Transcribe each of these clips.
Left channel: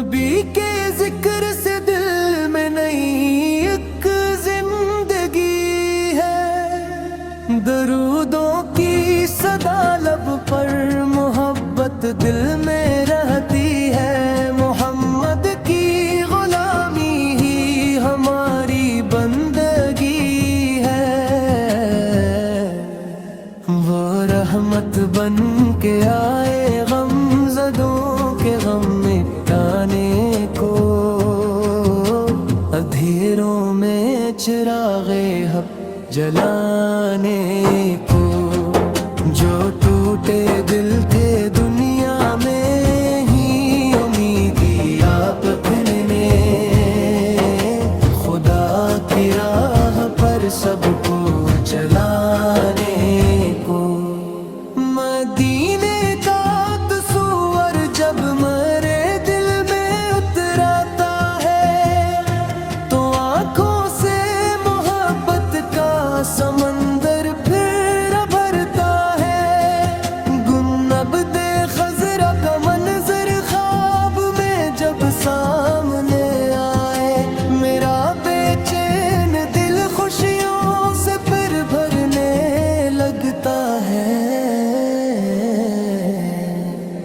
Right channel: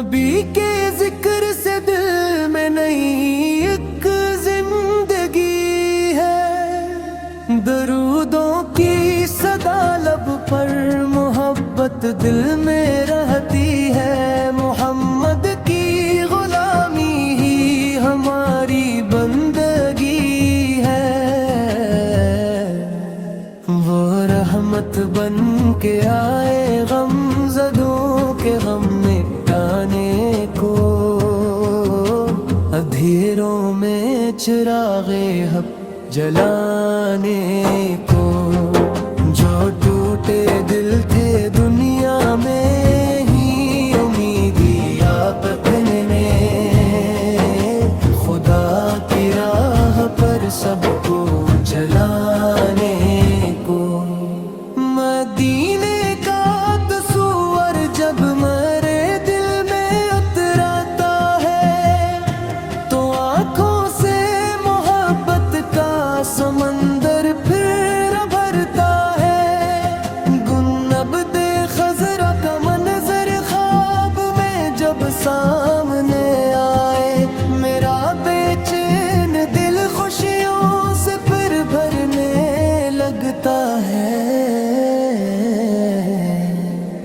نبی کے ذکر سے دل میں نئی ایک زندگی ہے، درودوں کی صدا لب پر محبت دل میں رہتی ہے، محمد کی غلامی ہی ہماری بندگی ہے، وہ رحمت بن کے آئے غم زدوں کے غم مٹانے کو، اندھیروں میں چراغ حق جلانے کو، جو ٹوٹے دل تھے دنیا میں ہی امیدی آپ نے، خدا کی راہ پر سب کو چلانے کو، مدینے کا تصور جب میرے دل میں اتراتا ہے تو آنکھوں سے محبت کا سمندر پھر بھرتا ہے، گنبد خضرا کا منظر خواب میں جب سامنے آئے، میرا بے چین دل خوشیوں سے پھر بھرنے لگتا ہے،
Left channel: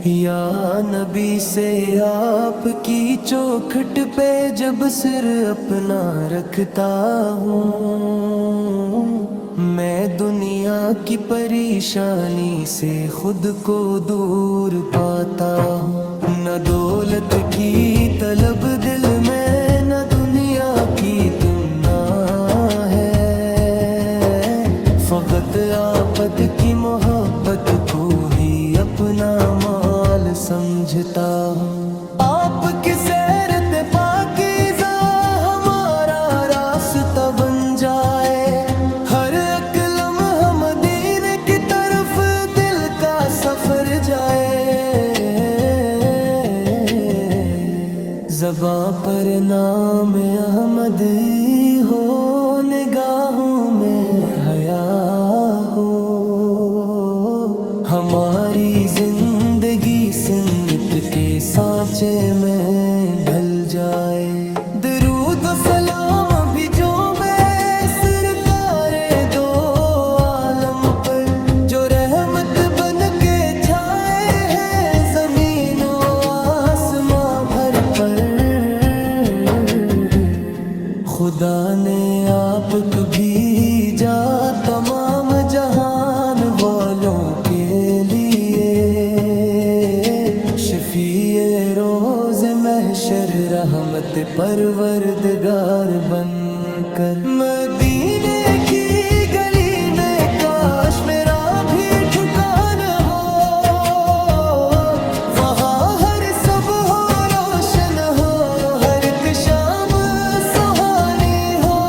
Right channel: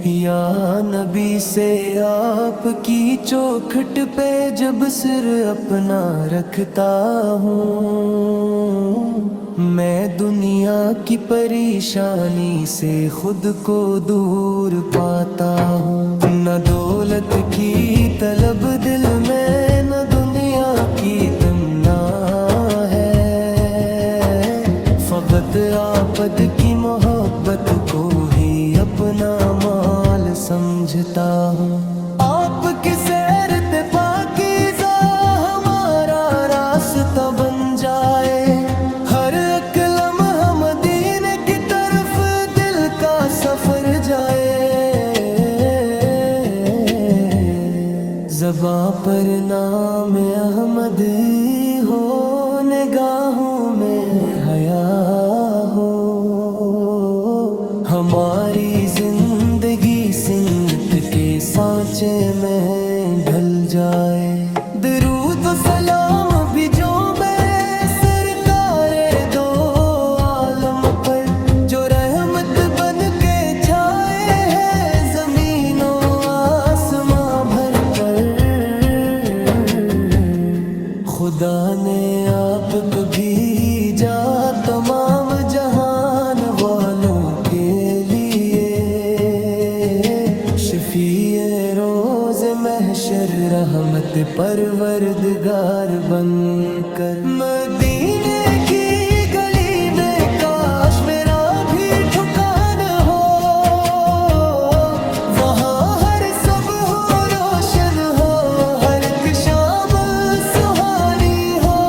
یا نبی سے آپ کی چوکھٹ پہ جب سر اپنا رکھتا ہوں، میں دنیا کی پریشانی سے خود کو دور پاتا ہوں، نہ دولت کی طلب دل میں نہ دنیا کی تمنا ہے، فقط آپد کی محبت کو ہی اپنا مال سمجھتا ہوں، آپ کی سیرت پاکیزہ ہمارا راستہ بن جائے، ہر ایک لمحہ مدینے کی طرف دل کا سفر جائے، زباں پر نام احمد ہو، نگاہوں میں حیا ہو، ہماری زندگی سمت کے سانچے میں ڈھل جائے، درود و سلام بھی جو میں سرکار دو عالم پر، جو رحمت بن کے چھائے ہیں زمین و آسماں بھر پر، خدا نے آپ کو بھیجا تمام جہان والوں کے لیے، شفیع روز محشر رحمت پروردگار بن کر، مدینے کی گلی میں کاش میرا بھی ٹھکان ہو، وہاں ہر صبح ہو روشن ہو، ہر ایک شام سہانی ہو،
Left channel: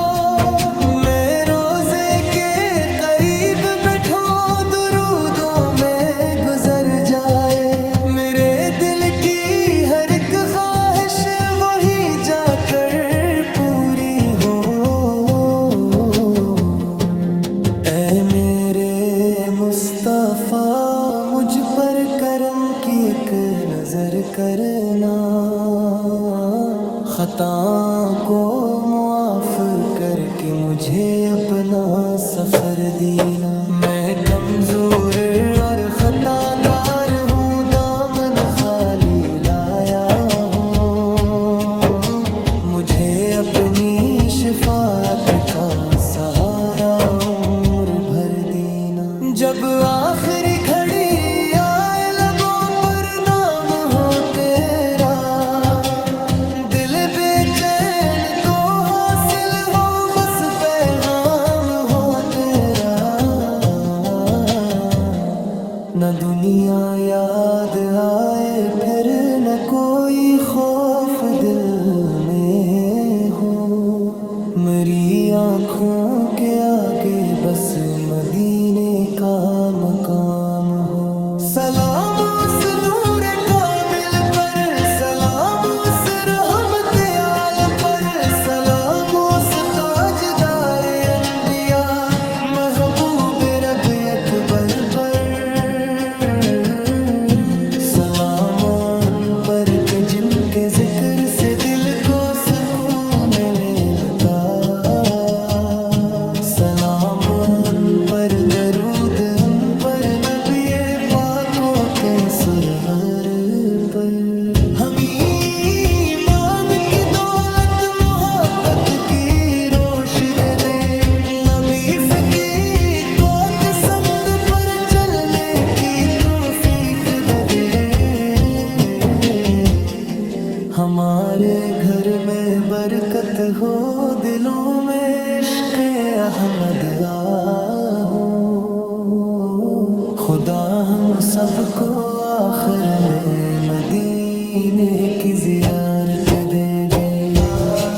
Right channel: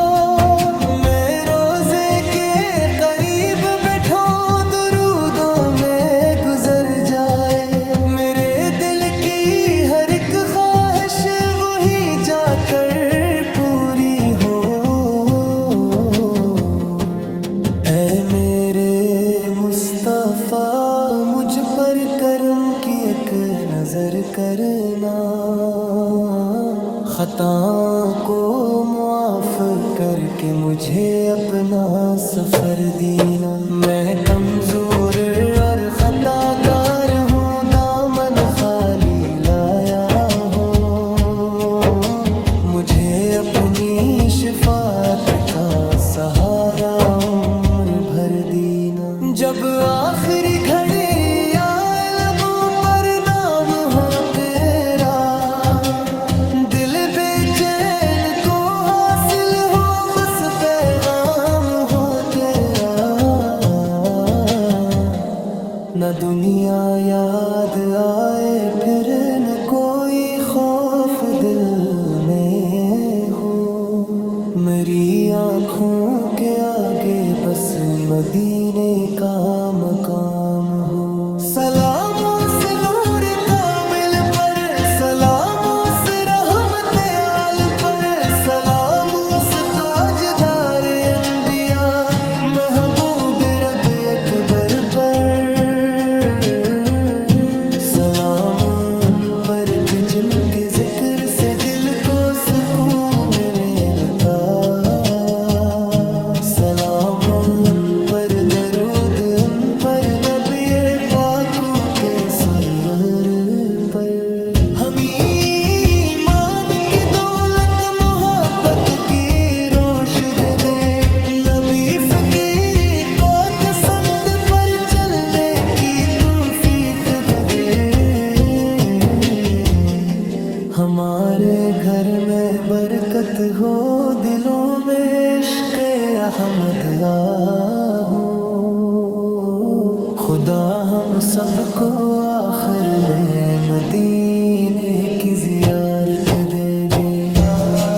میں روزے کے قریب بیٹھو درودوں میں گزر جائے، میرے دل کی ہر ایک خواہش وہیں جا کر پوری ہو، اے میرے مصطفیٰ مجھ پر کرم کی ایک نظر کرنا، خطا کو معاف کر کے مجھے اپنا سفر دینا، میں کمزور اور خطا کار ہوں، دامن خالی لایا ہوں، مجھے اپنی شفاعت کا سہارا عمر بھر دینا، جب آخری گھڑی آئے لبوں پر نام ہو تیرا، دل بے چین کو حاصل ہو بس پیغام ہو تیرا، نہ دنیا یاد آئے پھر نہ کوئی خوف دل میں ہو، میری آنکھوں کے آگے بس مدینے کا مقام ہو، سلام اس نور کامل پر، سلام اس رحمت عال پر، سلام اس تاجدار انبیاء محبوب رب اکبر پر، سلام ان پر کہ جن کے ذکر سے دل کو سکون ملتا، سلام ان پر درود ان پر نبی پاکوں کے سرور پر۔ ہم ایمان کی دولت محبت کی روش دے دیں، نبی فقی کو چسند پر چلنے کی توفیق دے دیں۔ ہمارے گھر میں برکت ہو، دلوں میں عشق احمد ہو، خدا ہم سب کو آخر میں مدینے کی زیارت دیں گے۔